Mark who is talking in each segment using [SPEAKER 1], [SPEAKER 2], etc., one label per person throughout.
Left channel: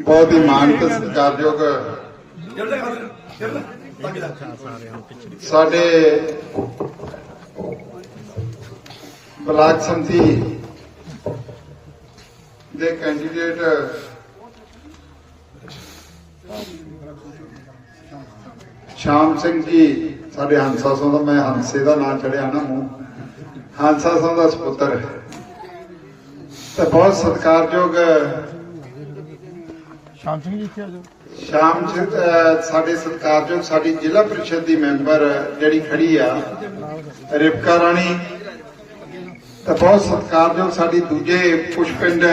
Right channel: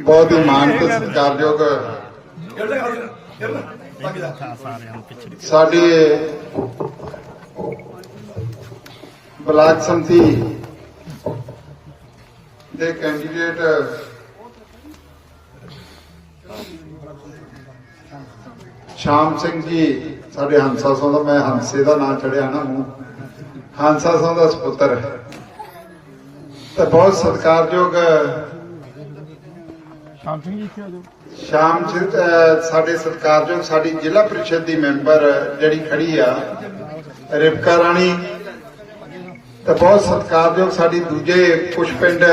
[SPEAKER 1] ਬਹੁਤ ਹੀ ਮਾਣ ਤੇ ਸਤਿਕਾਰਯੋਗ ਸਾਡੇ ਬਲਾਕ ਸੰਮਤੀ ਦੇ ਕੈਂਡੀਡੇਟ ਸ਼ਾਮ ਸਿੰਘ ਜੀ, ਸਾਡੇ ਹੰਸਾ ਸਿੰਘ ਦਾ ਮੈਂ ਹੰਸੇ ਦਾ ਨਾਮ ਚੜਿਆ ਨਾ ਮੂੰਹ। ਹੰਸਾ ਸਿੰਘ ਦਾ ਸੁਪੁੱਤਰ ਤੇ ਬਹੁਤ ਸਤਿਕਾਰਯੋਗ
[SPEAKER 2] ਸ਼ਾਮ ਸਿੰਘ ਜੀ ਇੱਥੇ ਆ ਜਾਓ।
[SPEAKER 1] ਸ਼ਾਮ ਸਾਡੇ ਸਤਿਕਾਰਯੋਗ ਸਾਡੀ ਜ਼ਿਲ੍ਹਾ ਪ੍ਰੀਸ਼ਦ ਦੀ ਮੈਂਬਰ ਜਿਹੜੀ ਖੜੀ ਆ, ਰਿਪਕਾ ਰਾਣੀ, ਤੇ ਬਹੁਤ ਸਤਿਕਾਰਯੋਗ ਸਾਡੀ ਦੂਜੇ ਪੁਸ਼ਪਿੰਡ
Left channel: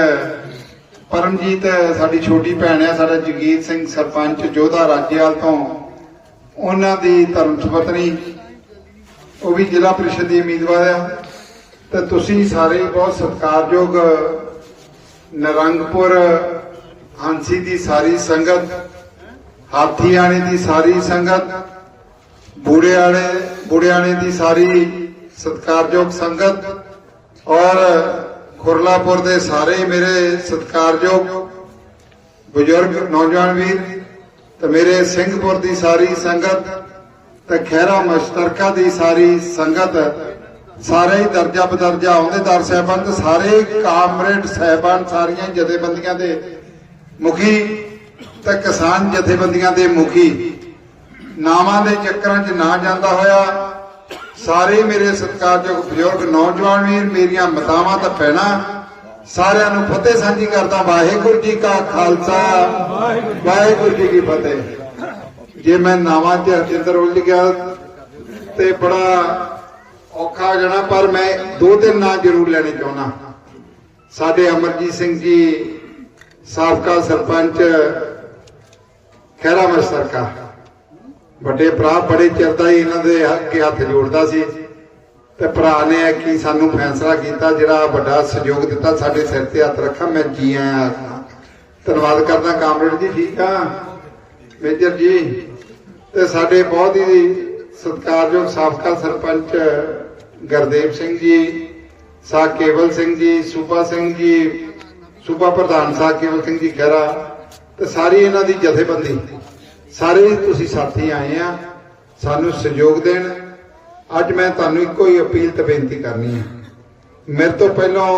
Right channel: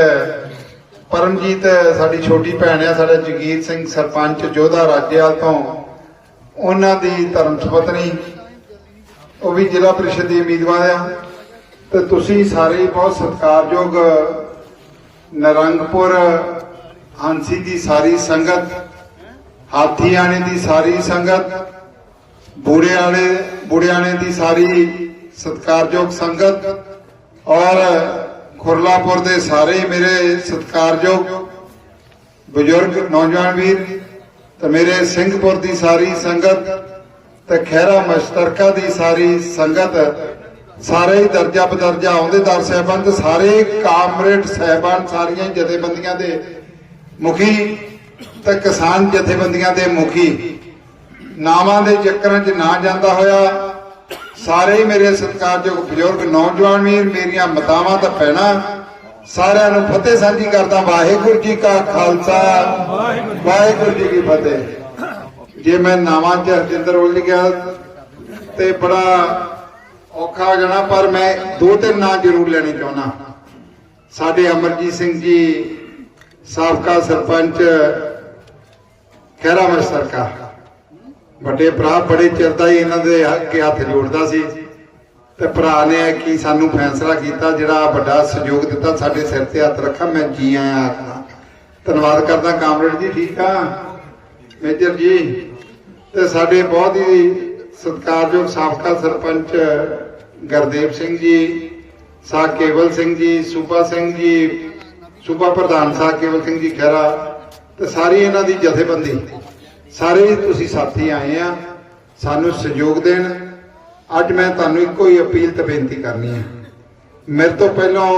[SPEAKER 1] ਪਰਮਜੀਤ, ਸਾਡੀ ਛੋਟੀ ਭੈਣ ਆ, ਸਾਡਾ ਜਗੀਰ ਸਿੰਘ ਸਰਪੰਚ, ਜੋਧਾ ਰਾਜੇਵਾਲ ਤੋਂ, ਉਹਨਾਂ ਦੀ ਧਰਮ ਸੁਪਤਨੀ, ਉਹ ਵੀ ਜ਼ਿਲ੍ਹਾ ਪ੍ਰੀਸ਼ਦ ਦੀ ਉਮੀਦਵਾਰ ਆ। ਤੇ ਤੁਸੀਂ ਸਾਰੇ ਬਹੁਤ ਸਤਿਕਾਰਯੋਗ ਨਰੰਗਪੁਰ ਹਾਂਸੀ ਦੀ ਸਾਰੀ ਸੰਗਤ, ਹਾਥੀਆਣੇ ਦੀ ਸਾਰੀ ਸੰਗਤ ਬੂੜੇ ਵਾਲੇ ਬੂੜਿਆਣੇ ਦੀ ਸਾਰੀ ਸਤਿਕਾਰਯੋਗ ਸੰਗਤ ਔਰ ਖੁਰਲਾਪੁਰ ਦੇ ਸਾਰੇ ਮੇਰੇ ਸਤਿਕਾਰਯੋਗ ਬਜ਼ੁਰਗ ਨੌਜਵਾਨ ਵੀਰ ਤੇ ਮੇਰੇ ਸਿੰਘਪੁਰ ਦੀ ਸਾਰੀ ਸੰਗਤ ਤੇ ਖਹਿਰਾ ਮਸ਼ਤਰਕਾ ਦੀ ਸਾਰੀ ਸੰਗਤ, ਸਾਰੇ ਹੀ ਦਰਜਾ ਬਦਰਜਾ ਅਹੁਦੇਦਾਰ ਸਾਹਿਬਾਨ ਤੇ ਸਾਰੇ ਕਾਮਰੇਡ ਸਾਹਿਬਾਨ, ਸਾਰੀਆਂ ਜਥੇਬੰਦੀਆਂ ਦੇ ਮੁਖੀ ਤੇ ਕਿਸਾਨ ਜਥੇਬੰਦੀਆਂ ਦੇ ਮੁਖੀ। ਨਾਵਾਂ ਦੇ ਚੱਕਰਾਂ 'ਚ ਨਾ ਜਾਂਦਾ ਹੋਇਆ। ਸਾਰੇ ਮੇਰੇ ਸਤਿਕਾਰਯੋਗ ਬਜ਼ੁਰਗ ਨੌਜਵਾਨ ਵੀਰ, ਮੇਰੀਆਂ ਮਾਤਾਵਾਂ ਤਾਂ ਭੈਣਾਂ ਸਾਰਿਆਂ ਨੂੰ ਫਤਿਹ ਸਾਂਝੀ ਕਰਦਾ ਵਾਹਿਗੁਰੂ ਜੀ ਕਾ ਖਾਲਸਾ। ਵਾਹਿਗੁਰੂ ਜੀ ਕੀ ਫਤਿਹ। ਜੇ ਮੈਂ ਨਾਵਾਂ 'ਚ ਹਰਜਿੰਦਰ ਉਲਝ ਗਿਆ ਤੇ ਬੜਾ ਔਖਾ ਹੋ ਜਾਣਾ, ਪਰ ਮੈਂ ਦੋ ਤਿੰਨ ਨਾਂ ਜ਼ਰੂਰ ਲੈਣੇ ਚਾਹੁੰਦਾ। ਸਾਡੇ ਅਮਰਜੀਤ ਸਿੰਘ ਜੀ ਸਾਬਕਾ ਸਰਪੰਚ ਖਹਿਰਾ ਸਰਕਾ ਵੱਡੇ ਭਰਾ ਬੜੇ ਚਿਰ ਦਾ ਹੀ ਇਹਨਾਂ ਦੇ ਅੱਗੇ ਹੱਥ ਜੋੜਦਾ ਸੀ ਤੇ ਭਰਾ ਨੇ ਕੀ ਸਾਨੂੰ ਫੈਸਲਾ ਕੀਤਾ, ਜਿਹੜਾ ਵੱਡਾ ਸਹਿਯੋਗ ਦਿੱਤਾ ਸਾਡੇ ਸਿਰ ਤੇ ਹੱਥ ਰੱਖਾ, ਮੈਂ ਜੀ ਆਇਆ ਧੰਨਵਾਦ ਕਰਦਾ ਕਾਮਰੇਡ ਜੀ, ਠੀਕ ਆ? ਮੇਜਰ ਜੀ, ਤੇ ਸਾਡੇ ਬਹੁਤ ਹੀ ਸਤਿਕਾਰਯੋਗ ਸਾਬਕਾ ਸਰਪੰਚ ਗੁਰਦੇਵ ਸਿੰਘ ਜੀ, ਸਾ ਕੇਵਲ ਸਿੰਘ ਜੀ, ਸੂਬਾ ਸਿੰਘ ਜੀ ਸੂਬਾ ਪ੍ਰਧਾਨ ਸਾਹਿਬ ਕੇਵਲ ਸਿੰਘ ਜੀ ਖਹਿਰਾ, ਤੇ ਸਾਰੀ ਇਹਨਾਂ ਦੀ ਜਥੇਬੰਦੀ, ਸਾਰੇ ਤੁਸੀਂ ਸਾਥੀ ਆਏ ਆ, ਸਾਨੂੰ ਸਹਿਯੋਗ ਦੇਣ। ਅੱਜ ਮੈਂ ਤੁਹਾਨੂੰ ਇੱਕੋ ਹੀ ਅਪੀਲ ਤੇ ਬੇਨਤੀ ਕਰਨੀ ਹੈ ਮੇਰੇ ਤੋਂ ਪਹਿਲਾਂ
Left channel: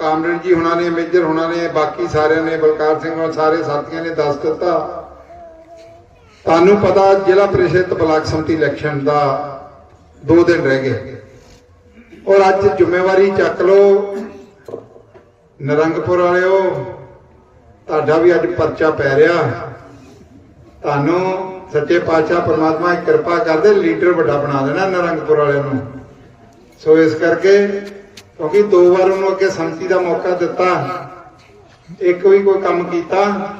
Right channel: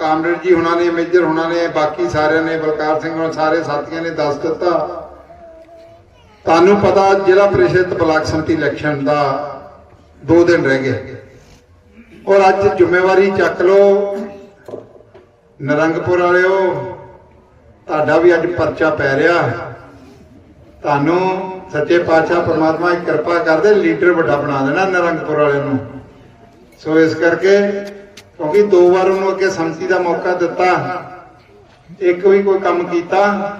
[SPEAKER 1] ਕਾਮਰੇਡ ਜੀ ਹੁਣਾਂ ਨੇ, ਮੇਜਰ ਹੁਣਾਂ ਨੇ, ਬਾਕੀ ਸਾਰਿਆਂ ਨੇ, ਬਲਕਾਰ ਸਿੰਘ ਨਾਲ ਸਾਰੇ ਸਾਥੀਆਂ ਨੇ ਦੱਸ ਦਿੱਤਾ। ਤੁਹਾਨੂੰ ਪਤਾ ਜ਼ਿਲ੍ਹਾ ਪ੍ਰੀਸ਼ਦ ਬਲਾਕ ਸੰਮਤੀ ਇਲੈਕਸ਼ਨ ਦਾ 2 ਦਿਨ ਰਹਿ ਗਏ ਔਰ ਅੱਜ ਜ਼ਿੰਮੇਵਾਰੀ ਚੱਕ ਲਓ ਨਰੰਗਪੁਰ ਵਾਲਿਓ, ਤੁਹਾਡਾ ਵੀ ਅੱਜ ਪਰਚਾ ਪੈ ਰਿਹਾ। ਤੁਹਾਨੂੰ ਸੱਚੇ ਪਾਤਸ਼ਾਹ ਪ੍ਰਮਾਤਮਾ ਦੀ ਕਿਰਪਾ ਕਰਦੇ ਲੀਡਰ ਵੱਡਾ ਬਣਾ ਦੇਣਾ ਨਰੰਗਪੁਰ ਵਾਲਿਆਂ ਨੂੰ। ਸੋ ਇਸ ਕਰਕੇ, ਕਿਉਂਕਿ ਦੋ ਵਾਰ ਉਹਨੂੰ ਅੱਗੇ ਸੰਮਤੀ ਦਾ ਮੌਕਾ ਦਿੱਤਾ, ਇੱਕ ਵੀ ਕੋਈ ਕੰਮ ਕੀਤਾ,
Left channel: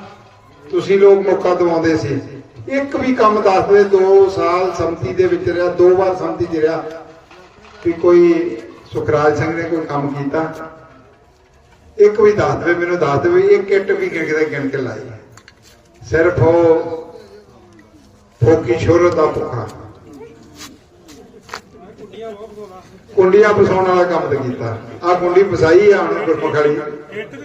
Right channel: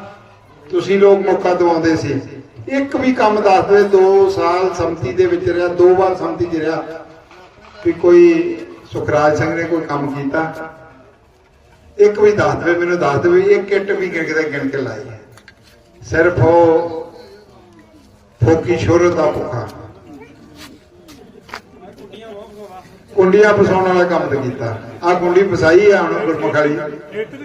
[SPEAKER 1] ਤੁਸੀਂ ਲੋਕ ਮੌਕਾ ਦਵਾਉਂਦੇ ਸੀ। ਇੱਕ ਵੀ ਕੰਮ ਦੱਸ ਦੇ 2 ਸਾਲ ਸੰਮਤੀ ਦੇ ਵਿੱਚ ਰਿਹਾ, ਦੋ ਵਾਰ ਸੰਮਤੀ 'ਚ ਰਿਹਾ, ਵੀ ਕੋਈ ਸੁਖਰਾਜ ਸਿੰਘ ਨੇ ਕੋਈ ਕੰਮ ਕੀਤਾ। ਇੱਕ ਵੀ ਦੱਸ ਦੇਵੇ, ਮੈਨੂੰ ਦੱਸ ਦੇਵੇ ਇੱਕ ਕਿੱਟ ਵੀ ਕਿਤੇ ਗਿਣ ਕੇ ਲਾਈ ਸਿਰਫ ਉਹ ਫੋਕੀ ਸ਼ੋਹਰਤ ਦਾ ਭੁੱਖਾ। ਕੁੰਡੀਆਂ ਫਸਾਉਣ ਵਾਲਾ ਕੰਮ ਤੇ ਕੀਤਾ। ਆ ਕੁੰਡੀ ਫਸਾਈ ਆ, ਹੁਣ ਗੁਰਮੁਖ ਵਾਲੀ।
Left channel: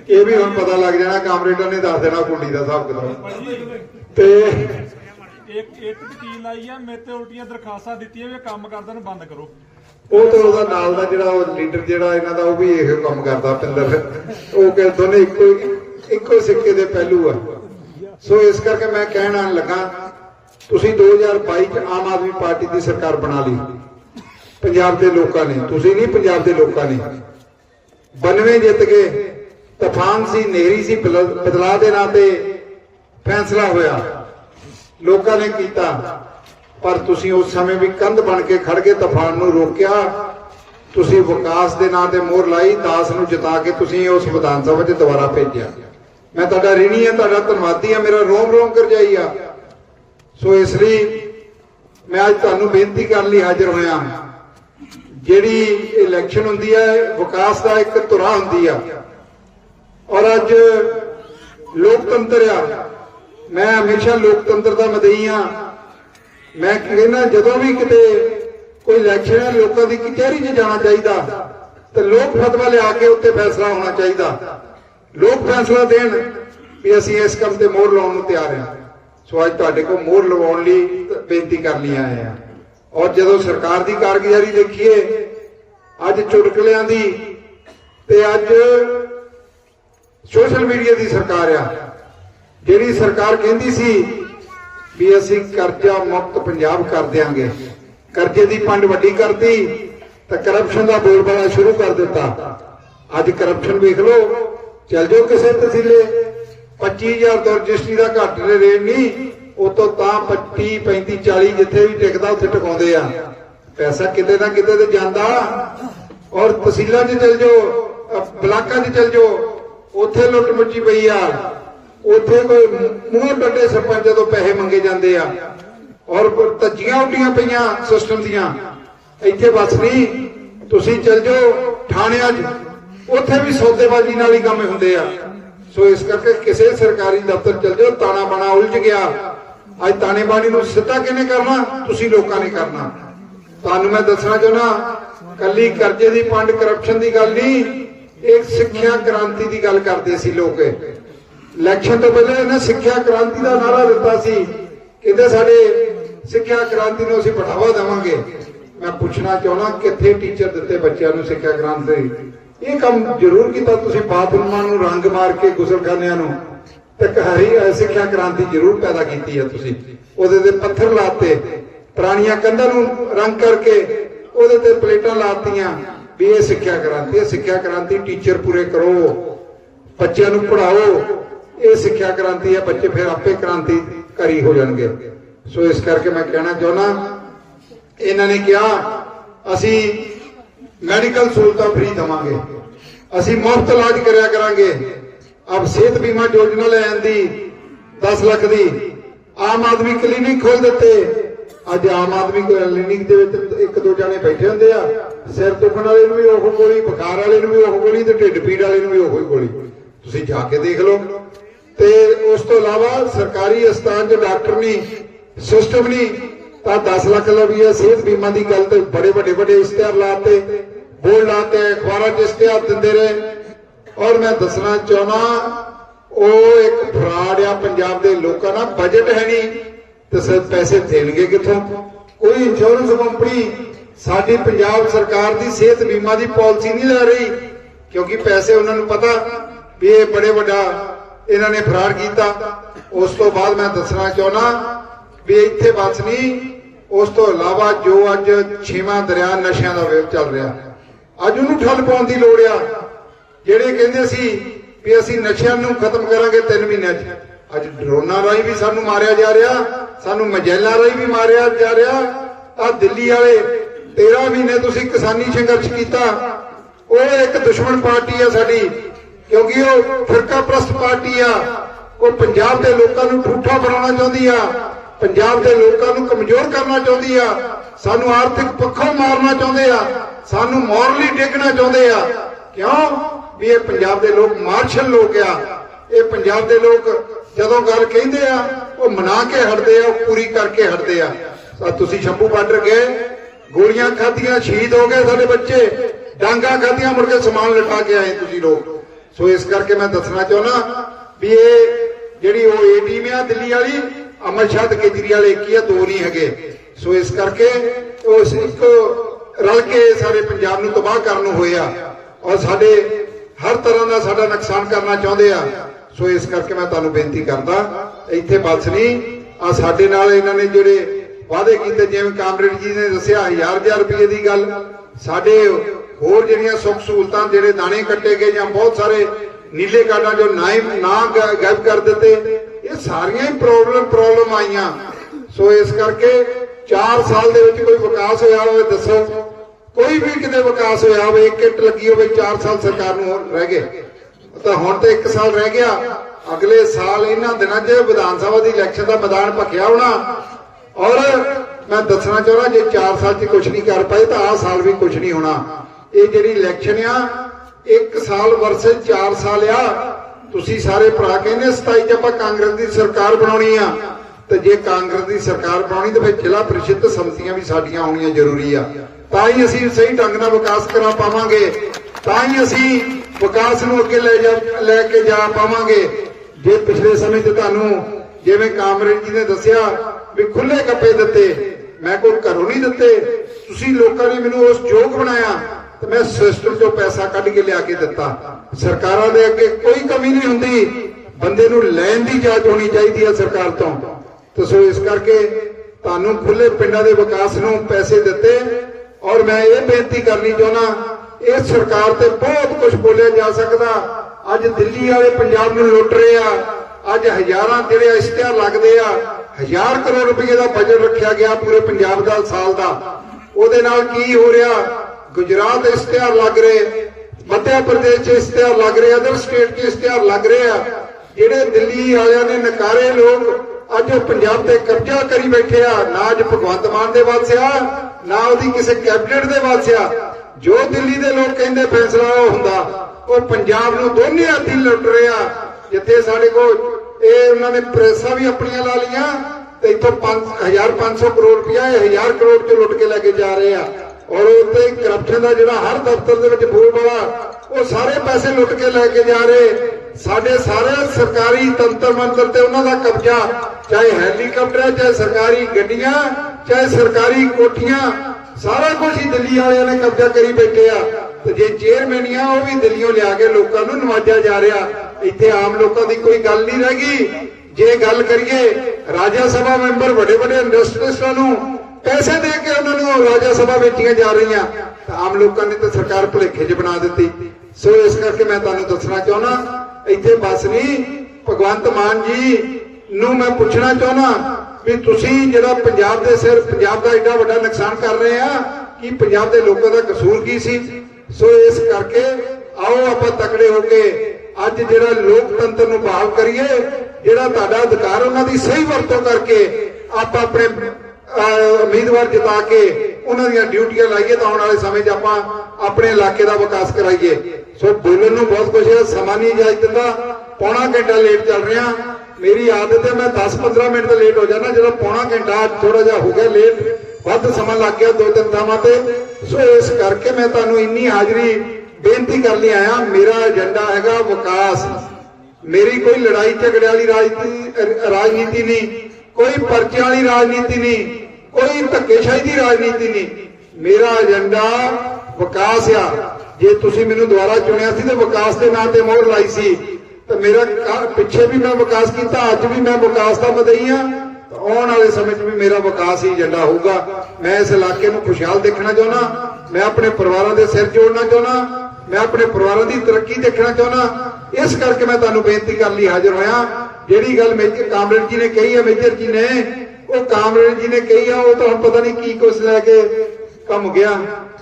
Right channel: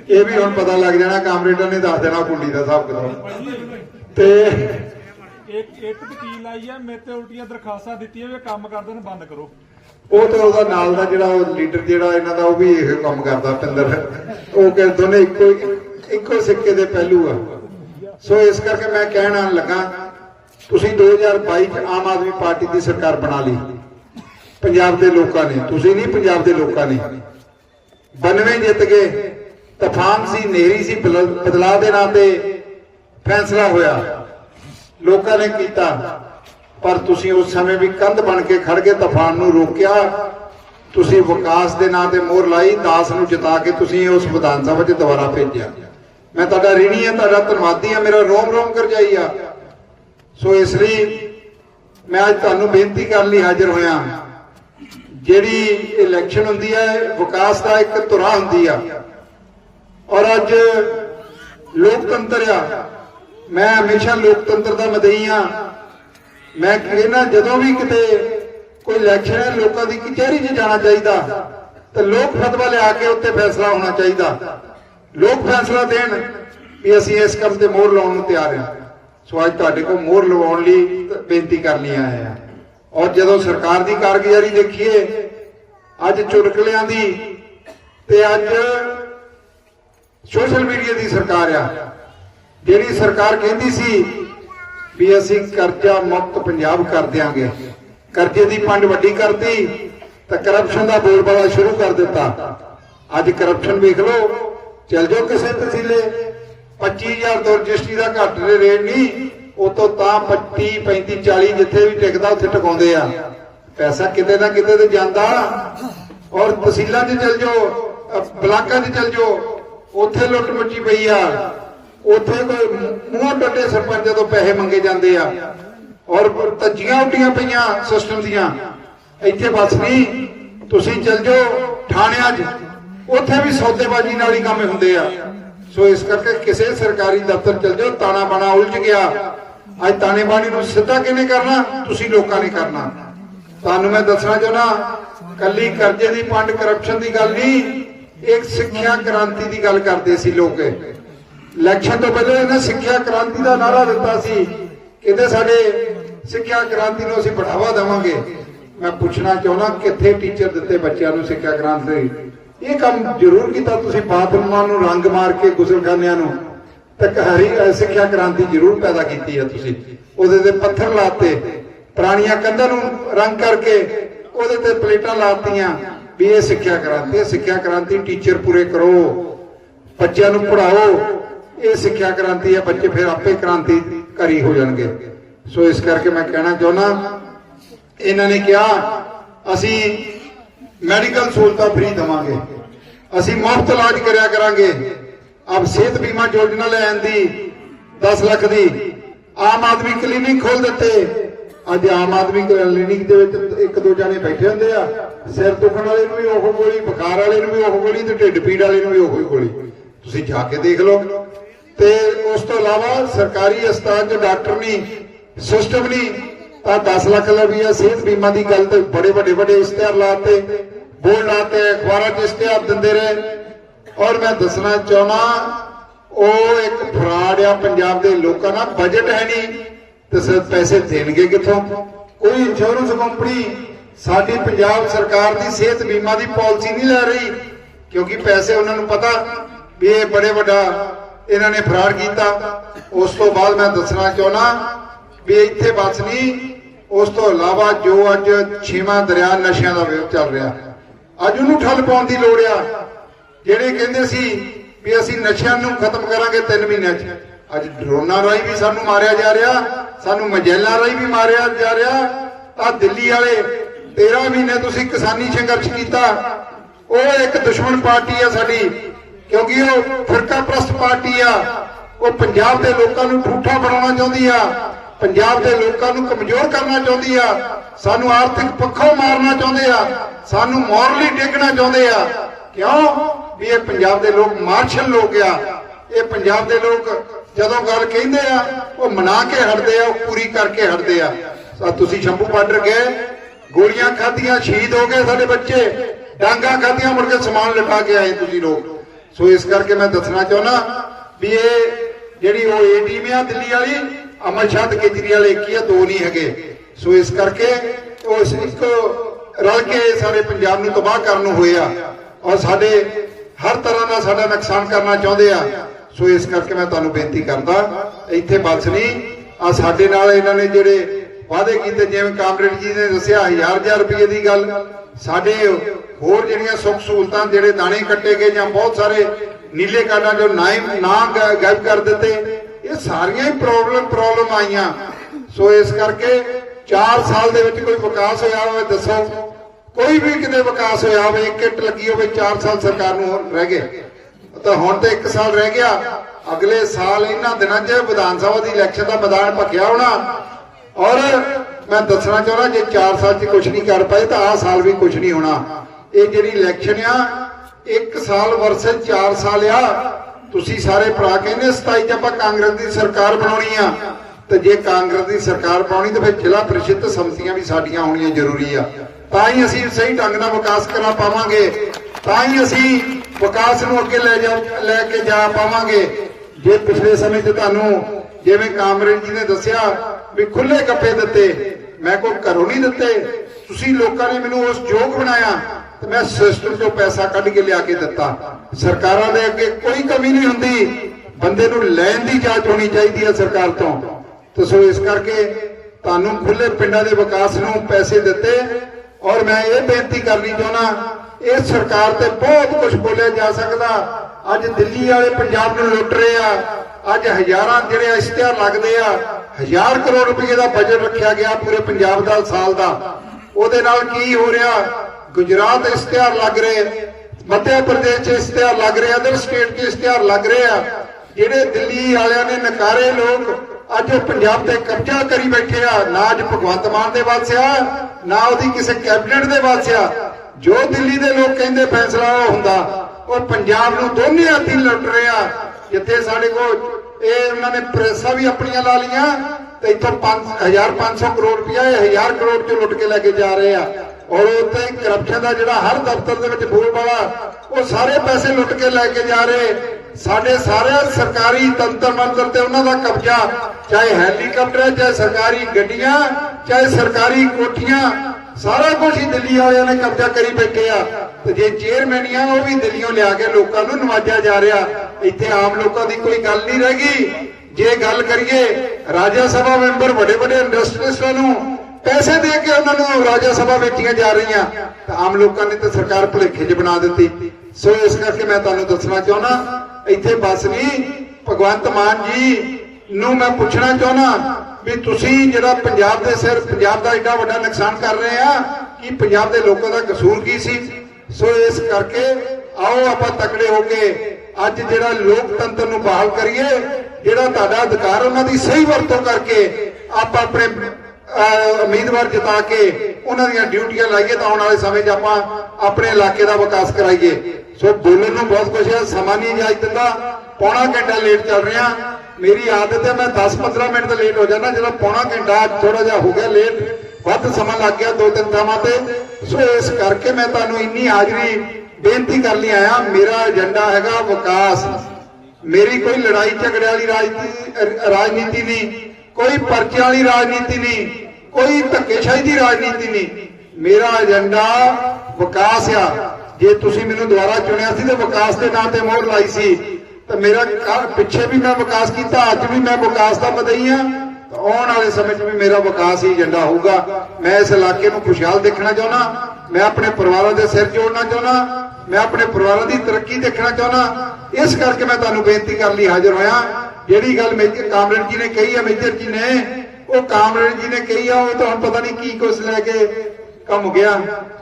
[SPEAKER 1] ਇਹ ਵੀ ਹੁਣ ਪਤਾ ਲੱਗ ਜਾਣਾ, ਕਾਮਰੇਡਰ ਨੇ ਦੱਸ ਦੇਣਾ ਕੁੰਡੀ ਦਾ ਹਿਸਾਬ ਕਿਤਾਬ। ਤੇ
[SPEAKER 2] ਇੱਕ ਇੱਕ ਵਕੀਲ ਆਈ ਆ, ਮੇਰੇ ਉਲਟੀਆਂ ਦਰਖਾਸਤਾਂ ਦਿੱਤੀਆਂ ਵੀ ਕੰਮ ਕਰਦੇ ਨੇ ਬੰਦ ਕਰੋ।
[SPEAKER 1] ਉਹ ਤੇ ਉਹਦਾ ਨਾਲ ਦਾ ਜਿਹੜਾ ਉਹ ਲੀਡਰ ਜਿਹੜਾ ਇਹਨਾਂ ਦਾ, ਉਹ ਵੀ ਇਹੋ ਕੰਮ ਕਰਦਾ ਪਿੰਦਰ। ਉਹ ਕਿ ਦੋਨੇ ਇੱਕੋ ਇੱਕੋ ਸਿੱਕੇ ਦੇ ਪਹਿਲੂ ਆ। ਸੋ ਇਸ ਕਰਕੇ ਮੈਂ ਕਹਿਣ ਲੱਗਾ, ਤੁਸੀਂ 2022 ਚ ਆਮ ਆਦਮੀ ਪਾਰਟੀ ਦੀ ਸਰਕਾਰ ਬਣਾ ਲਈ। ਪੰਜਾਬ ਦੇ ਲੋਕਾਂ ਨੇ, ਤੁਸੀਂ ਨਹੀਂ ਪੰਜਾਬ ਦੇ ਲੋਕਾਂ ਨੇ। 92 ਜਿੱਤ ਗਏ, ਤੂਫਾਨ ਸੀ ਨੇਰੀ ਸੀ, ਬਦਲ- ਬਦਲਾਅ ਦੇ ਨਾਂ ਤੇ ਫੈਸਲਾ ਹੋਇਆ। ਲੋਕਾਂ ਨੇ ਕੀਤਾ। ਪਰ ਤੁਸੀਂ ਉਸ ਸਮੇਂ ਵੀ ਕੰਧ ਬਣ ਕੇ ਖੜ ਗਏ, ਤੂਫਾਨ ਨੂੰ ਰੋਕਿਆ। ਤੁਸੀਂ ਵਿਕਾਸ ਦੇ ਨਾਂ ਤੇ ਮੋਹਰ ਲਾਈ, ਦਾਸ ਨੂੰ ਜਿਤਾ ਕੇ ਤੁਸੀਂ ਉਸ ਵਿਧਾਨ ਸਭਾ 'ਚ ਦੁਬਾਰਾ ਭੇਜਿਆ। ਮੈਂ ਤੁਹਾਡਾ ਰਿਣੀ ਆ ਤੁਹਾਡਾ ਧੰਨਵਾਦੀ ਆ ਮੇਰਾ ਰੋਮ ਰੋਮ ਕਰਜਾਈ ਆ। ਸੋ ਇਸ ਲਈ ਮੈਂ ਅੱਜ ਤੁਹਾਨੂੰ ਬੇਨਤੀ ਕਰਨ ਲਈ ਹਾਜ਼ਰ ਹੋਇਆ ਜਿਹੜੀ ਇਲੈਕਸ਼ਨ ਹੁੰਦੀ ਹੈ, ਵਿਕਾਸ ਦਾ ਇੱਕ ਧੁਰਾ ਹੁੰਦੀ ਆ। ਔਰ ਅੱਜ ਲੋਕਤੰਤਰ ਆ। ਮੈਂ ਹਮੇਸ਼ਾ ਲੋਕਤੰਤਰ ਦਾ ਮਦਈ ਆ ਮੈਂ ਕਹਿੰਦਾ ਜਦੋਂ ਵੀ ਕਿਤੇ ਕੋਈ ਇਲੈਕਸ਼ਨ ਹੈ, ਲੋਕਾਂ ਦੀ ਕਚਹਿਰੀ 'ਚ ਜਾਣਾ ਚਾਹੀਦਾ। ਤੇ ਲੋਕ ਫਤਵਾ ਲਿਆ ਕੇ ਉੱਤੇ ਫੈਸਲਾ ਹੋਣਾ ਚਾਹੀਦਾ। ਲੋਕ ਫੈਸਲਾ ਦੇਣ ਵੀ ਅਸੀਂ ਇਸ ਕੰਮ ਤੇ ਮੋਹਰ ਲਾਉਣ ਨੂੰ ਤਿਆਰ ਹਾਂ। ਸੋ ਅੱਜ ਤੁਹਾਡੇ ਕੋਲ ਮੋਹਰ ਲਵਾਉਣ ਲਈ ਬੇਨਤੀ ਕਰਨ ਲਈ ਆਏ ਆ ਔਰ ਜਦੋਂ ਸਰਕਾਰ ਦੀ ਕਾਰਗੁਜ਼ਾਰੀ ਦੇਖੀਏ, ਅੱਜ ਚੁਟਕਲਿਆਂ ਦੀ ਤੇ ਅੱਜ ਸੋਸ਼ਲ ਮੀਡੀਆ ਦੀ ਸਰਕਾਰ ਆ। ਜਿਹੜੀ ਸਰਕਾਰ ਕਹਿੰਦੀ ਸੀ ਵੀ ਅਸੀਂ ਕਰਜ਼ਾ ਮੁਕਤ ਪੰਜਾਬ ਕਰ ਦਿਆਂਗੇ। ਕਰਜ਼ੇ ਦੀ ਪੰਡ ਵੱਡੀ ਕਰਤੀ, ਤਾਂ ਕਰਪਸ਼ਨ ਦਾ ਬੋਲਬਾਲਾ ਸ਼ੁਰੂ ਕਰ ਦਿੱਤਾ। ਅੱਜ ਕਰਪਸ਼ਨ ਵੇਖ ਲਓ, ਚੱਲ ਜਾਓ ਕਿਸੇ ਤਹਿਸੀਲੇ 25000 ਤੋਂ ਰਜਿਸਟਰੀ ਦਾ ਘੱਟ ਰੇਟ ਨਹੀਂ, ਉਤੋਂ ਤਾਂ 25 35 40 ਜਿੱਥੇ ਵੀ ਟਿਕਦਾ ਉੱਥੇ ਟਿਕਾਉਂਦੇ ਆ। ਪੈਸਾ ਕਿਤੇ ਨਾ ਕਿਤੇ ਤੇ ਜਾਂਦਾ। ਔਰ ਤਹਿਸੀਲਾਂ 'ਚ ਚੱਲ ਜਾਓ ਬਲਾਕਾਂ 'ਚ ਚੱਲ ਜਾਓ, ਉੱਥੇ ਲੁੱਟ ਮੱਚੀ ਪਈ ਆ। ਉੱਥੇ ਕੋਈ ਮੂੰਹ ਡੱਡੇ ਸਰਪੰਚ ਜਦੋਂ ਪੈਸੇ ਮੰਗੇ ਜਾਂਦੇ ਆ ਔਰ ਤੱਜੀਆਂ ਉੱਡੀਆਂ ਪਈਆਂ ਸਿਸਟਮ ਦੀਆਂ, ਇੱਥੇ ਬਸ ਨਹੀਂ ਤੁਸੀਂ ਚੱਲ ਜਾਓ ਥਾਣਿਆਂ 'ਚ, ਉੱਥੇ ਵੀ ਸੌਦੇਬਾਜ਼ੀ ਨਾਲ ਹੀ ਕੰਮ ਹੁੰਦੇ ਆ। ਸੋ ਇਸ ਕਰਕੇ ਕਿਸੇ ਸਰਕਾਰੀ ਦਫ਼ਤਰ ਚੱਲ ਜਾਓ, ਤਾਣਾ ਬਾਣਾ ਉਲਝ ਗਿਆ। ਅੱਜ ਤਾਣੇ ਬਾਣੀ ਨੂੰ ਸਿੱਧਾ ਕਿਹਨੇ ਕਰਨਾ, ਤੁਸੀਂ ਲੋਕਾਂ ਨੇ ਕਰਨਾ। ਤੁਹਾਨੂੰ ਮੈਂ ਦੱਸਣਾ ਚਾਹੁੰਦਾ, ਕੱਲੀ ਕਰਜ਼ੇ ਦੀ ਪੰਡ ਕਰਪਸ਼ਨ ਦੀ ਗੱਲ ਨਹੀਂ, ਇੱਕ ਸਿੱਖਿਆ ਕ੍ਰਾਂਤੀ ਦੀ ਗੱਲ ਕਰਦੇ ਸੀ ਲੋਕ। ਇਲੈਕਸ਼ਨ ਤੋਂ ਪਹਿਲਾਂ ਇਹਨੇ ਸਿੱਖਿਆ ਕ੍ਰਾਂਤੀ ਦਾ ਨਾਰਾ ਦਿੱਤਾ ਸੀ। ਕਹਿੰਦੇ ਸਾਡੇ ਸਿੱਖਿਆ ਕ੍ਰਾਂਤੀ ਨੂੰ ਅਸੀਂ ਬੜਾਵਾ ਦੇਵਾਂਗੇ। ਮੈਂ ਪੁੱਛਣਾ ਚਾਹੁੰਦਾ, ਕਿੱਥੇ ਟੀਚਰ ਦਿੱਤੇ ਬੱਚਿਆਂ ਨੂੰ ਸਿੱਖਿਆ ਕ੍ਰਾਂਤੀ ਇਹ ਕੰਮ ਜ਼ਰੂਰ ਕੀਤਾ ਤੁਸੀਂ ਬਾਥਰੂਮਾਂ ਨੂੰ, ਰੰਗ ਮਾਰ ਕੇ, ਗੁਸਲਖਾਨਿਆਂ ਨੂੰ। ਤੇ ਕਹਾਰੀ ਸਿੱਖਿਆ ਕ੍ਰਾਂਤੀ ਜ਼ਰੂਰ ਪੈਦਾ ਕੀਤੀ ਹੈ ਤੁਸੀਂ। ਉਹਦੇ ਤੇ ਪੱਥਰ ਲਾਤੇ, ਪੁਰਾਣੀਆਂ ਕੰਧਾਂ ਨੂੰ ਰੰਗ ਕਰਕੇ ਉਹਦੇ ਤੇ ਪਲੇਟਾਂ ਲਾਤੀਆਂ ਵੀ ਇਹ ਸਿੱਖਿਆ ਕ੍ਰਾਂਤੀ ਹੈ ਸਿੱਖਿਆ ਕ੍ਰਾਂਤੀ ਟੀਚਰ ਪੂਰੇ ਕਰੋ। ਬੱਚਿਆਂ ਨੂੰ ਪੜਾਓ ਇਹ ਸਿੱਖਿਆ ਕ੍ਰਾਂਤੀ ਹੈ, ਬੱਚੇ ਫਿਰ ਆਪੇ ਕ੍ਰਾਂਤੀ ਕ੍ਰਾਂਤੀਕਾਰੀ ਹੋ ਜਾਣਗੇ। ਸੋ ਇਸ ਕਰਕੇ ਮੈਂ ਕਹਿਣਾ ਚਾਹੁੰਦਾ, ਇਹਨਾਂ ਨੇ ਕਿਹਾ, ਅਸੀਂ ਮੈਡੀਕਲ ਸਹੂਲਤਾਂ ਫ੍ਰੀ ਦੇਵਾਂਗੇ। ਅਸੀਂ ਮੁਫਤ ਇਲਾਜ ਕਰਿਆ ਕਰਾਂਗੇ। ਆਪ ਸਿਹਤ ਬੀਮਾ ਯੋਜਨਾ ਲੈਣ ਦੀ 10 ਲੱਖ ਦੀ, ਆਮ ਆਦਮੀ ਕਲੀਨਿਕ ਖੋਲ ਦਿੱਤੇ। ਅੱਜ ਆਮ ਆਦਮੀ ਕਲੀਨਿਕ ਦੇ ਵਿੱਚ ਇੱਕ ਦੋ ਜਾਣੇ ਬੈਠੇ ਹੁੰਦੇ ਆ। ਸਿਰ ਦੁਖਣ ਵਾਲੇ ਨੂੰ ਵੀ ਉਹ ਗੋਲੀ, ਬੁਖਾਰ ਵਾਲੇ ਨੂੰ ਵੀ ਉਹ ਗੋਲੀ ਤੇ ਢਿੱਡ ਪੀੜ ਵਾਲੇ ਨੂੰ ਵੀ ਉਹ ਗੋਲੀ। ਤੁਸੀਂ ਜਾ ਕੇ ਦੇਖ ਲਓ। ਤੇ ਉਸ ਤੋਂ ਇਲਾਵਾ ਸਰਕਾਰੀ ਹਸਪਤਾਲ 'ਚ ਡਾਕਟਰ ਨਹੀਂ ਸਿਸਟਮ ਨਹੀਂ ਤਾਂ 10 ਲੱਖ ਦਾ ਸਿਹਤ ਬੀਮਾ ਦੀ ਗੱਲ ਤੇ ਬੜੇ ਵੱਡੇ ਵੱਡੇ ਇਸ਼ਤਿਹਾਰ ਲਾਤੇ ਬੋਰਡ ਲਾਤੇ ਅਖਬਾਰਾਂ 'ਚ ਇਸ਼ਤਿਹਾਰ ਦਿੰਦੇ ਰਹੇ। ਔਰ ਮੈਂ ਦੱਸਣਾ ਚਾਹੁੰਦਾ, ਉਹ ਇੱਕ ਫਰਾਡ ਆ ਪੰਜਾਬ ਦੇ ਲੋਕਾਂ ਦਾ ਬਜਟ ਹੈ ਨਹੀਂ ਤੇ ਸਿਰਫ ਪੈਸੇ ਦੇਣਗੇ ਕਿੱਥੋਂ? ਕੋਈ ਇੰਸ਼ੋਰੈਂਸ ਕੰਪਨੀ ਸਾਡੀ ਪੰਜਾਬ ਸਰਕਾਰ ਦੀ ਸਿਹਤ ਬੀਮਾ ਦੀ ਪਾਲਿਸੀ ਨਹੀਂ ਲੈ ਰਹੀ, ਕਿਉਂਕਿ ਪੈਸੇ ਉਹਨਾਂ ਨੂੰ ਪਤਾ ਵੀ ਇਹ ਬੜੇ ਵੱਡਾ ਇਹਨਾਂ ਨੇ ਫਰਾਡ ਕੀਤਾ। ਉਸ ਤੋਂ ਬਾਅਦ ਮੈਂ ਦੱਸਣਾ ਚਾਹੁੰਦਾ ਵੀ ਇੱਥੇ ਬਸ ਨਹੀਂ, ਉਸ ਤੋਂ ਇਲਾਵਾ ਜੋ ਅੱਜ ਛੇਵਾਂ ਦਰਿਆ ਨਸ਼ਿਆਂ ਦਾ ਵੇਗ ਚੱਲ ਰਿਹਾ। ਅੱਜ ਉਹਨੂੰ ਠੱਲ ਪਾਉਣ ਦੀ ਲੋੜ ਆ। ਜਿਹੜੇ ਕਹਿੰਦੇ ਸੀ ਵੀ ਅਸੀਂ ਨਸ਼ਿਆਂ ਨੂੰ ਖਤਮ ਕਰਾਂਗੇ 3 ਮਹੀਨਿਆਂ 'ਚ, ਅੱਜ ਡਰੋਨਾਂ ਰਾਹੀਂ ਵੀ ਸਾਨੂੰ ਮਾਰਿਆ ਜਾ ਰਿਹਾ, ਸਾਨੂੰ ਮਜੈਲਾਂ ਰਾਹੀਂ ਵੀ ਮਾਰਿਆ ਜਾ ਰਿਹਾ। ਆ ਦਿੱਲੀ ਵਾਲੇ 13 ਮਹੀਨੇ ਤੁਸੀਂ ਕਿਸਾਨੀ ਸੰਘਰਸ਼ ਕੀਤਾ। ਉਹ ਇੱਕ ਦੁਸ਼ਮਣ ਪਾਰਟੀ ਆ ਸਾਡੀ ਕਿਉਂਕਿ ਉਹ ਫਿਰਕਾ ਪ੍ਰਸਤ ਪਾਰਟੀ ਆ। ਉਹ ਪੰਜਾਬ ਦੇ ਲੋਕਾਂ ਨੂੰ ਠੂਠਾ ਬਣਾਉਣਾ ਚਾਹੁੰਦੀ ਆ। ਪੰਜਾਬ ਦੇ ਲੋਕਾਂ ਨੂੰ ਕਮਜ਼ੋਰ ਕਰਨਾ ਚਾਹੁੰਦੀ ਆ। ਸਾਨੂੰ ਆਰਥਿਕ ਪੱਖੋਂ ਮਾਰਨਾ ਚਾਹੁੰਦੇ ਆ। ਸਾਨੂੰ ਮੋਰਲੀ ਡੇਗਣਾ ਚਾਹੁੰਦੇ ਆ। ਕਿਉਂ? ਵੀ ਇਹ ਪੰਜਾਬ ਦੇ ਲੋਕ ਮਾਰਸ਼ਲ ਲੋਕ ਆ। ਇਹ ਪੰਜਾਬ ਦੇ ਲੋਕ ਜਦੋਂ ਗੱਲ ਕਹਿੰਦੇ ਆ, ਉਹ ਮਨਾ ਕੇ ਹਟਦੇ ਆ, ਉਹ ਪੂਰੀ ਕਰਕੇ ਹਟਦੇ ਆ। ਤਾਂ ਤੁਸੀਂ ਸ਼ੰਭੂ ਬਾਰਡਰ ਗਏ, ਗੋਲੀਆਂ ਖਾਧੀਆਂ, ਸ਼ਹੀਦ ਹੋ ਗਏ ਸਾਡੇ ਬੱਚੇ। ਡਾਂਗਾ ਖਾਧੀਆਂ, ਮੁੜ ਕੇ ਸਮਾਨ ਲਟਾ ਕੇ ਆਏ ਤੁਸੀਂ ਲੋਕ। ਸੋ ਇਸ ਕਰਕੇ ਮੈਂ ਦੱਸਣਾ ਚਾਹੁੰਦਾ ਵੀ ਇਹ ਜਿਹੜੀ ਉਹ ਏਟੀਮ ਆ ਦਿੱਲੀ ਵਾਲੀ ਅਮਰ ਸ਼ਾਹ ਕੇਜਰੀਵਾਲ ਇੱਕ ਹੀ ਆ, ਦੋ ਨਹੀਂ ਹੈਗੇ। ਸੋ ਇਸ ਕਰਕੇ ਉਸ ਇੱਕ ਰਲ ਕੇ ਸਾਰੇ ਪੰਜਾਬ ਨੂੰ ਤਬਾਹ ਕਰਨ ਨੂੰ ਹੋਇਆ ਔਰ ਸਾਡੇ ਹਰ ਤਰ੍ਹਾਂ ਦਾ ਸਾਡਾ ਨੁਕਸਾਨ ਕਰਨਾ ਚਾਹੁੰਦੇ ਆ। ਸੋ ਇਸ ਕਰਕੇ ਮੈਂ ਤੁਹਾਨੂੰ ਬੇਨਤੀ ਕਰਦਾ, ਇੱਥੇ ਬਸ ਨਹੀਂ, ਆ ਸਾਡੇ ਨਾਲ ਇਹਨਾਂ ਨੇ ਜਿਹੜੇ ਵਾਅਦੇ ਕੀਤੇ, ਜਿਵੇਂ ਕਾਮਰੇਡ ਜੀ ਨੇ ਦੱਸਿਆ ਹਜ਼ਾਰ ਹਜ਼ਾਰ ਰੁਪਏ ਦੀ ਗੱਲ, ਸਾਡੇ ਹੋਰ ਜਿਹੜੀਆਂ ਸੁੱਖ ਸਹੂਲਤਾਂ ਜਿਹੜੇ ਦਾਣੇ ਕੱਟੇ ਗਏ ਜਾਂ ਬਹੁਤ ਸਾਰੇ ਨੀਲੇ ਕਾਰਡਾਂ ਜੋ ਨਾ ਨਾ ਗਾਇਬ ਕਰ ਦਿੱਤੇ, ਇਹ ਸਾਰੀਆਂ ਹੀ ਪ੍ਰੋਬਲਮ ਪ੍ਰੋਬਲਮ ਆਈਆਂ। ਸੋ ਇਸ ਕਰਕੇ 4 ਸਾਲ ਦੇ ਵਿੱਚ ਕੋਈ ਵਿਕਾਸ ਹੋਇਆ ਹੋਵੇ, ਦੱਸੋ। ਕੋਈ ਵੀ ਕਿਤੇ ਵਿਕਾਸ ਹੋਇਆ ਹੋਵੇ, ਇੱਕ ਇੱਟ ਲੱਗੀ ਹੋਵੇ 4 ਸਾਲ ਸਰਕਾਰ ਨੂੰ ਰਹਿ ਗਏ। ਤਾਂ ਹੁਣ ਤੇ 1 ਸਾਲ ਰਹਿ ਗਿਆ। ਅਗਲੇ ਸਾਲ ਇਹਨਾਂ ਦਿਨਾਂ 'ਚ ਵਿਧਾਨ ਸਭਾ ਦੀ ਇਲੈਕਸ਼ਨ ਦਾ ਮੈਦਾਨ ਭਖਿਆ ਹੋਣਾ। ਔਰ ਮੈਂ ਦੱਸਣਾ ਚਾਹੁੰਦਾ, ਜੇ 4 ਸਾਲ 'ਚ ਕੁਝ ਨਹੀਂ ਕਰ ਪਾਏ, ਤਾਂ ਆਹ ਸਾਲ ਵੀ ਕੁਝ ਨਹੀਂ ਹੋਣਾ। ਇਹ ਜਿਹੜੀ ਇਲੈਕਸ਼ਨ ਆ 1 ਸਾਲ ਵਰਸੇ 4 ਸਾਲ ਆ, ਤੁਸੀਂ ਸਾਰੇ ਭਰਾ ਕਹਿੰਦੇ 27 'ਚ ਆਪਾਂ ਕਾਂਗਰਸ ਦੀ ਸਰਕਾਰ ਬਣਾਉਣੀ ਆ। ਤੇ ਜੇ ਕਾਂਗਰਸ ਦੀ ਸਰਕਾਰ ਬਣਾਉਣੀ ਤਾਂ ਫਿਰ ਜ਼ਿਲ੍ਹਾ ਪ੍ਰੀਸ਼ਦ ਸਮਤੀਆਂ ਵੀ ਸਾਡੀਆਂ ਹੋਣੀਆਂ ਜ਼ਰੂਰੀ ਆ। ਤਾਂ ਹੀ ਅਸੀਂ ਸਹੀ ਢੰਗ ਨਾਲ ਵਿਕਾਸ ਕਰਾ ਪਾਵਾਂਗੇ। ਤਾਂ ਹੀ ਅਸੀਂ ਵਿਕਾਸ ਨੂੰ ਅੱਗੇ ਲੈ ਜਾ, ਲੈ ਕੇ ਜਾ ਪਾਵਾਂਗੇ। ਜੇ ਪਿਛਲੇ ਸਮੇਂ 'ਚ ਤੁਹਾਨੂੰ ਜਿਵੇਂ ਕਾਮਰੇਡ ਜੀ ਨੇ ਦੱਸਿਆ ਵੀ ਖੁੱਲੇ ਕੱਪੇ ਦਿੱਤੇ, ਮੈਂ ਕੋਈ ਘਰੋਂ ਨਹੀਂ ਦਿੱਤੇ। ਤੁਸੀਂ ਲੋਕਾਂ ਨੇ ਮੈਨੂੰ ਉਸ ਯੋਗ ਬਣਾਇਆ ਤੇ ਮੈਂ ਸਿਸਟਮ 'ਚੋਂ ਪੈਸਾ ਕੱਢ ਕੇ ਲਿਆ ਕੇ ਦਿੱਤਾ। ਸਰਕਾਰਾਂ ਦੇ ਅੱਗੇ ਕੋਈ ਕਮੀ ਨਹੀਂ ਹੁੰਦੀ। ਬੰਦੇ ਨੂੰ ਲੈਣ ਦੀ ਜਾਂਚ ਹੋਣੀ ਚਾਹੀਦੀ ਹੈ ਸਰਕਾਰ ਤੋਂ। ਤੇ ਸੋ ਇਸ ਕਰਕੇ ਤੁਹਾਨੂੰ ਖੁੱਲੇ ਪਿੰਡਾਂ ਦੇ ਵਿਕਾਸ ਨੂੰ ਪੈਸੇ ਦਿੱਤੇ ਔਰ ਮੈਂ ਇਹ ਬੇਨਤੀ ਕਰਨੀ ਚਾਹੁੰਦਾ ਇਹ ਸਰਕਾਰ ਤੇ ਬਹੁਤ ਕੁਝ ਬੋਲਿਆ ਜਾ ਸਕਦਾ। ਅੱਜ ਦਿੱਲੀ ਵਾਲੇ ਪੰਜਾਬ ਨੂੰ ਲੁੱਟ ਰਹੇ ਆ। ਅੱਜ ਹਜ਼ਾਰਾਂ ਜਿਹੜੇ ਇਸ਼ਤਿਹਾਰ ਲੱਗਦੇ ਆ। ਹਜ਼ਾਰ ਕਰੋੜ ਰੁਪਏ ਦਾ ਬਜਟ ਰੱਖਿਆ ਗਿਆ ਪੂਰੇ ਪੰਜਾਬ ਦਾ ਸਾਲ ਦਾ। ਉਹਦੇ ਨਾਲ ਕੀ ਹੋ ਰਿਹਾ? ਗੁਜਰਾਤ ਇਸ਼ਤਿਹਾਰ ਲੱਗ ਰਹੇ ਮੱਧ ਪ੍ਰਦੇਸ਼ 'ਚ ਇਸ਼ਤਿਹਾਰ ਲੱਗ ਰਹੇ ਅਦਰ ਸਟੇਟ 'ਚ ਇਸ਼ਤਿਹਾਰ ਲੱਗ ਰਹੇ ਆ। ਜਿਹੜੇ ਦਿੱਲੀ ਵਾਲਿਆਂ ਨੇ ਨਕਾਰੇ ਲੋਕ ਅੱਜ ਉਹ ਪੰਜਾਬ ਤੇ ਕਬਜ਼ਾ ਕਰੀ ਬੈਠੇ ਆ। ਨਾ ਅੱਜ ਭਗਵੰਤ ਮਾਨ ਦੇ ਵਾਸਿਆ ਨਾ ਉਹਦੀ ਕਿਸੇ ਕੈਬਨਿਟ ਦੇ ਵਾਸਿਆ ਜੋ ਦਿੱਲੀ ਦੇ ਲੋਕ ਕਹਿੰਦੇ ਫੈਸਲਾ ਉਹ ਹੁੰਦਾ। ਉਹ ਪੰਜਾਬ ਨੂੰ ਦੋਨੇ ਹੱਥੀ ਲੁੱਟ ਰਿਹਾ ਜਿੱਥੇ ਸਾਡੇ ਕੋਲ ਇਹ ਉਹਨਾਂ ਨੇ ਪ੍ਰੈਸਾਂ ਵੀ ਆਪਣੀਆਂ ਲਾ ਲੀਆਂ ਤੇ ਇੱਥੋਂ 1500 ਕਰੋੜ ਰੁਪਇਆ ਇਹ 1000 ਕਰੋੜ ਚ ਲੁੱਟ ਕੇ ਲੈ ਕੇ ਜਾ ਰਹੇ ਆ। ਔਰ ਉੱਤੇ ਕਰਪਸ਼ਨ ਦਾ ਜਿਹੜਾ ਹਰ ਦਫ਼ਤਰ ਦੇ ਵਿੱਚ ਬੋਲ ਉਹ ਸਾਰੇ ਪੈਸੇ ਲੁੱਟ ਕੇ ਲੈ ਕੇ ਜਾ ਰਹੇ। ਸਾਡੇ ਸਾਰੇ ਸਰਕਾਰੀ ਤੰਤਰ ਮੰਤਰ ਤੇ ਉਹਨਾਂ ਦਾ ਕਬਜ਼ਾ, ਚਾਹੇ ਹੈਲੀਕਾਪਟਰ ਚਾਹੇ ਸਰਕਾਰੀ ਗੱਡੀਆਂ, ਚਾਹੇ ਸਰਕਾਰੀ ਕੋਠੀਆਂ, ਸਾਰਾ ਕੁਝ ਹੀ ਦਿੱਲੀ ਵਾਲਿਆਂ ਨੇ ਕਬਜ਼ਾ ਕਰੀ ਬੈਠੇ ਆ। ਤੇ ਜੇ ਚੇਅਰਮੈਨੀਆਂ ਉਹ ਵੀ ਦਿੱਲੀੋਂ ਲਿਆ ਕੇ ਲੋਕਾਂ ਨੂੰ ਨਵਾਜਿਆ ਜਾ ਰਿਹਾ। ਇੱਥੇ ਆਮ ਲੋਕਾਂ ਦੀ ਕੋਈ ਗੱਲ ਨਹੀਂ ਰਹਿ ਗਈ। ਜੇ ਗੱਲ ਕਰੀਏ, ਰਾਜਾ ਸਭਾ ਮੈਂਬਰ ਵੱਡੇ ਵੱਡੇ ਇੰਡਸਟਰੀਸਟਾਂ ਨੂੰ ਪੈਸੇ ਦੇ ਕੇ ਉਹਨਾਂ ਨੂੰ ਰਾਜਾ ਸਭਾ ਵੇਚੀਆਂ ਜਾ ਰਹੀਆਂ। ਤਾਂ ਆਮ ਲੋਕਾਂ ਨੇ ਤਾਂ ਸਰਕਾਰ ਭੁਲੇਖੇ 'ਚ ਬਣਾ ਦਿੱਤੀ। ਸੋ ਇਸ ਕਰਕੇ ਮੈਂ ਤੁਹਾਨੂੰ ਦੱਸਣਾ ਚਾਹੁੰਦਾ, ਇੱਥੇ ਬਸ ਨਹੀਂ, ਭਗਵੰਤ ਮਾਨ ਜੀ ਨੂੰ ਮੈਂ ਪੁੱਛਣਾ ਚਾਹੁੰਦਾ ਵੀ ਤੁਸੀਂ ਜਿਹੜਾ ਪੰਜਾਬ ਦੇ ਸਿਰ, ਪੰਜਾਬ ਦਾ ਏਡਾ ਵੱਡਾ ਨੁਕਸਾਨ ਕਰ ਰਹੇ ਆ, ਕਿ ਪੰਜਾਬ ਦੇ ਲੋਕਾਂ ਦਾ ਕਸੂਰ ਕੀ ਸੀ? ਸੋ ਇਸ ਕਰਕੇ ਆਓ ਆਪਾਂ ਤਕੜੇ ਹੋ ਕੇ ਅੱਜ ਜਿਹੜਾ ਲੋਕਤੰਤਰ ਨੂੰ ਬਹਾਲ ਕਰੀਏ, ਜਿਹੜਾ ਤੁਹਾਡਾ ਅਧਿਕਾਰ ਉਹਨਾਂ ਦੀ ਸਹੀ ਵਰਤੋਂ ਕਰਕੇ ਆਪਾਂ ਆਪਣੇ ਉਮੀਦਵਾਰ ਜਿਤਾ ਕੇ ਉਹਨਾਂ ਦੀਆਂ ਡਿਊਟੀਆਂ ਲਾਈਏ ਤਾਂ ਆਉਣ ਵਾਲੇ ਸਮੇਂ 'ਚ ਆਪਾਂ ਆਪਣੇ ਇਲਾਕੇ ਦਾ ਵਿਕਾਸ ਕਰਾਈਏ। ਸੋ ਬੋਲਣ ਨੂੰ ਬਹੁਤ ਕੁਝ ਹੈ। ਸਮਾਂ ਨਹੀਂ ਇਜਾਜ਼ਤ ਦਿੰਦਾ ਪੌਣਾ ਘੰਟਾ ਲੇਟ ਚੱਲ ਰਿਹਾ। ਮੇਰੀ ਆਦਤ ਹੈ, ਮੈਂ 10-15 ਮਿੰਟ ਲੇਟ ਹੋ ਜਾਂਦਾ। ਜਦੋਂ ਪੌਣਾ ਘੰਟਾ ਥੋੜਾ ਜਿਹਾ ਹੋ ਗਿਆ ਲੇਟ ਵੱਧ ਸਮਾਂ ਲੱਗ ਗਿਆ ਦੋ ਤਿੰਨ ਥਾਵਾਂ ਤੇ। ਸੋ ਇਸ ਕਰਕੇ ਮੈਂ ਤੁਹਾਨੂੰ ਇੰਨੀ ਹਾਜ਼ਰੀ ਬੇਨਤੀ ਕਰ ਲਈ ਆਇਆ, ਮੇਰਾ ਏਜੰਡਾ ਹੈਗਾ ਵਿਕਾਸ। ਮੇਰੀ ਕੋਈ ਲੜਾਈ ਝਗੜੇ ਵਾਲੀ ਰਾਜਨੀਤੀ ਰਾਜਨੀਤੀ ਨਹੀਂ, ਕੋਈ ਪਰਚੇ ਵਾਲੀ ਰਾਜਨੀਤੀ ਨਹੀਂ। ਕੋਈ ਧੱਕੇਸ਼ਾਹੀ ਦੀ ਰਾਜਨੀਤੀ ਨਹੀਂ। ਮੇਰਾ ਏਜੰਡਾ ਵਿਕਾਸ ਆ। ਜੇ ਤੁਸੀਂ ਮੈਨੂੰ ਦੁਬਾਰਾ ਚੁਣਿਆ ਸੀ ਤਾਂ ਵਿਕਾਸ ਦੇ ਨਾਂ ਤੇ ਮੋਹਰ ਲਾਈ ਸੀ, ਤਾਂ ਮੇਰਾ ਪਿੱਛੇ ਵੀ ਮੈਂ ਵਿਕਾਸ ਕੀਤਾ, ਅੱਜ ਵੀ ਮੈਂ ਵਿਕਾਸ ਦਾ ਮਦਈ ਆ। ਆਉਣ ਵਾਲੇ ਸਮੇਂ 'ਚ ਵੀ ਮੇਰਾ ਵਿਕਾਸ ਹੀ ਏਜੰਡਾ ਹੋਊਗਾ। ਮੈਂ ਇਸ ਇਲਾਕੇ ਨੂੰ ਖੁਸ਼ਹਾਲ ਦੇਖਣਾ ਚਾਹੁੰਦਾ। ਮੈਂ ਆਪਣੇ ਪਰਿਵਾਰਾਂ ਦੇ ਸਿਰ ਜੋੜਨਾ ਚਾਹੁੰਦਾ। ਮੈਂ ਆਪਣੇ ਪਰਿਵਾਰਾਂ ਦੀ ਤਰੱਕੀ ਦੇਖਣਾ ਚਾਹੁੰਦਾ। ਇਸ ਕਰਕੇ ਮੈਂ ਤੁਹਾਨੂੰ ਬੇਨਤੀ ਕਰਨ ਲਈ ਹਾਜ਼ਰ ਹੋਇਆ। ਜਿਹੜੀ ਗੱਲ ਮੇਜਰ ਕਾਮਰੇਡ ਜੀ ਨੇ ਕਹੀ ਹੈ, ਮੇਜਰ ਜੀ ਨੇ ਉਹ ਕਾਮਰੇਡ ਜੀ ਨੇ ਕਹੀ ਆ, ਉਹ ਤਾਂ ਹੁਣ ਪਤਾ ਨਹੀਂ ਕੀ ਕੁਛ ਲੈ ਕੇ ਕੰਮ ਗਿਆ।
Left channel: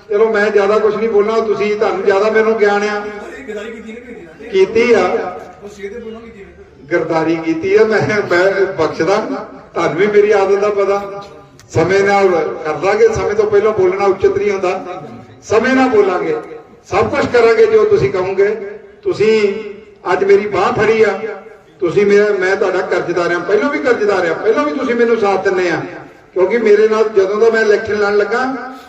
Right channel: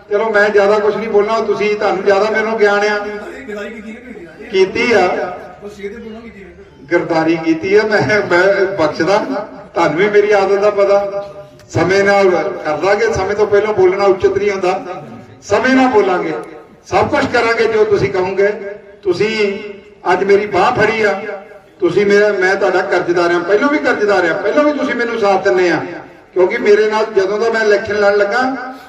[SPEAKER 1] ਚਲੋ ਮੈਂ ਜ਼ਿਆਦਾ ਕੁਝ ਨਹੀਂ ਬੋਲਣਾ ਤੁਸੀਂ ਤੁਹਾਨੂੰ ਜ਼ਿਆਦਾ ਮੈਨੂੰ ਗਿਆਨ ਆ।
[SPEAKER 2] ਕੀਤੀ
[SPEAKER 1] ਆ। ਗਰਦਾਰੀ ਕੀਤੀ ਆ, ਮੈਂ ਬਖਸ਼ਦਾ। ਤੁਹਾਨੂੰ ਵੀ ਮੇਰੀ ਆਦਤ ਦਾ ਪਤਾ। ਸਮੇਂ ਨਾਲ ਕਰਦਾਂਗੇ ਸਮੇਂ ਤੋਂ ਪਹਿਲਾਂ ਬੋਲਣਾ ਉਚਿਤ ਨਹੀਂ ਹੁੰਦਾ। ਸਮੇਂ ਨਾਲ ਬੋਲਾਂਗੇ। ਸਭ ਕੁਝ ਕਰਾਂਗੇ ਜੋ ਤੁਸੀਂ ਕਹੋਗੇ। ਤੁਸੀਂ ਅੱਜ ਮੇਰੀ ਬਾਹ ਫੜੀ ਆ। ਤੁਸੀਂ ਮੇਰਾ, ਮੈਂ ਤੁਹਾਡਾ ਕਰਜ਼ਦਾਰ ਆ ਪਹਿਲਾਂ ਵੀ ਕਰਜ਼ਦਾਰ ਆ ਪਹਿਲਾਂ ਵੀ ਤੁਸੀਂ ਮੈਨੂੰ ਸਾਥ ਦਿੰਨੇ ਆ। ਕਿਉਂਕਿ ਮੇਰੇ ਨਾਲ ਜਦੋਂ ਦਾ ਮੈਂ ਇਲੈਕਸ਼ਨ ਲੜਨ ਲੱਗਾ,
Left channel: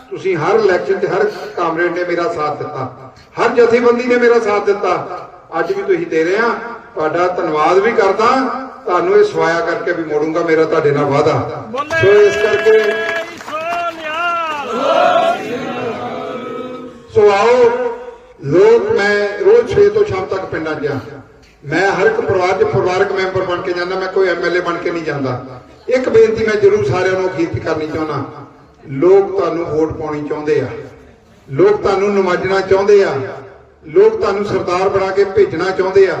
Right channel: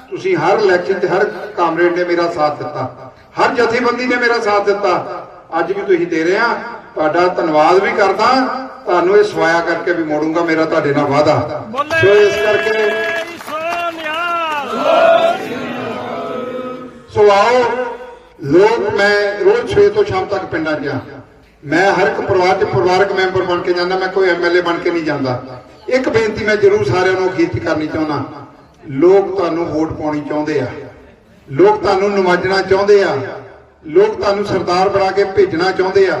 [SPEAKER 1] ਤੁਸੀਂ ਹਰ ਇਲੈਕਸ਼ਨ 'ਚ ਹਰ ਕਾਮਰੇਡ ਨੇ ਮੇਰਾ ਸਾਥ ਦਿੱਤਾ। ਹਰ ਜਥੇਬੰਦੀ ਨੇ ਮੇਰਾ ਸਾਥ ਦਿੱਤਾ। ਅੱਜ ਵੀ ਤੁਸੀਂ ਦੇ ਰਹੇ ਆ। ਤੁਹਾਡਾ ਧੰਨਵਾਦ ਵੀ ਕਰਦਾ। ਤੁਹਾਨੂੰ ਇਹ ਸਵਾਇਆ ਕਰਕੇ ਵੀ ਮੋੜੂੰਗਾ ਮੇਰਾ ਤੁਹਾਡੇ ਨਾਲ ਵਾਅਦਾ। ਸੋ ਇਸ ਕਰਕੇ ਸੋ ਆਓ, ਲੋਕ, ਮੈਂ ਰੋਜ਼ ਸਵੇਰ ਤੋਂ ਸ਼ਾਮ ਤੱਕ ਪਿੰਡਾਂ 'ਚ ਆ। ਮੈਂ ਹਰ ਇੱਕ ਪਰਿਵਾਰ 'ਚ ਪਰਿਵਾਰਕ ਮੈਂਬਰ ਬਣ ਕੇ ਜਾਂਦਾ, ਮੈਂ ਕੋਈ ਐਮਐਲਏ ਬਣ ਕੇ ਨਹੀਂ ਜਾਂਦਾ। ਇੱਕ ਬੇਨਤੀ ਮੈਂ ਜ਼ਰੂਰ ਸਾਰਿਆਂ ਨੂੰ ਅਖੀਰ ਕਰਨੀ ਚਾਹੁੰਦਾ, ਲੋਕ ਤੁਹਾਨੂੰ ਵੋਟ ਪਾਉਣੀ ਚਾਹੁੰਦੇ ਆ, ਲੋਕ ਤੁਹਾਨੂੰ ਨਿਵਾਜਣਾ ਚਾਹੁੰਦੇ ਆ, ਲੋਕ ਤੁਹਾਨੂੰ ਸਰਦਾਰ ਬਣਾ ਕੇ ਭੇਜਣਾ ਚਾਹੁੰਦੇ ਆ,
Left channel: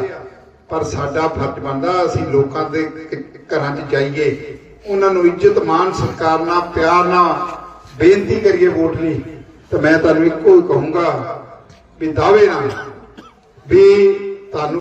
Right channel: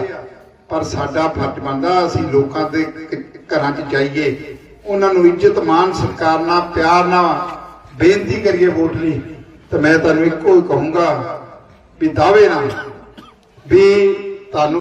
[SPEAKER 1] ਪਰ ਸਾਡਾ ਫਰਜ਼ ਬਣਦਾ ਅਸੀਂ ਲੋਕਾਂ ਦੇ ਘਰਾਂ 'ਚ ਜਾਈਏ, ਉਹਨਾਂ ਨੂੰ ਇੱਜ਼ਤ ਮਾਨ ਸਤਿਕਾਰ ਨਾਲ, ਪਿਆਰ ਨਾਲ ਬੇਨਤੀ ਕਰੀਏ ਵੋਟ ਲਈ। ਤੇ ਮੈਂ ਤੁਹਾਨੂੰ ਇੱਕੋ ਹੀ ਕਹੂੰਗਾ ਵੀ ਦਾਅਵੇ ਨਾਲ ਵੀ ਤੁਹਾਨੂੰ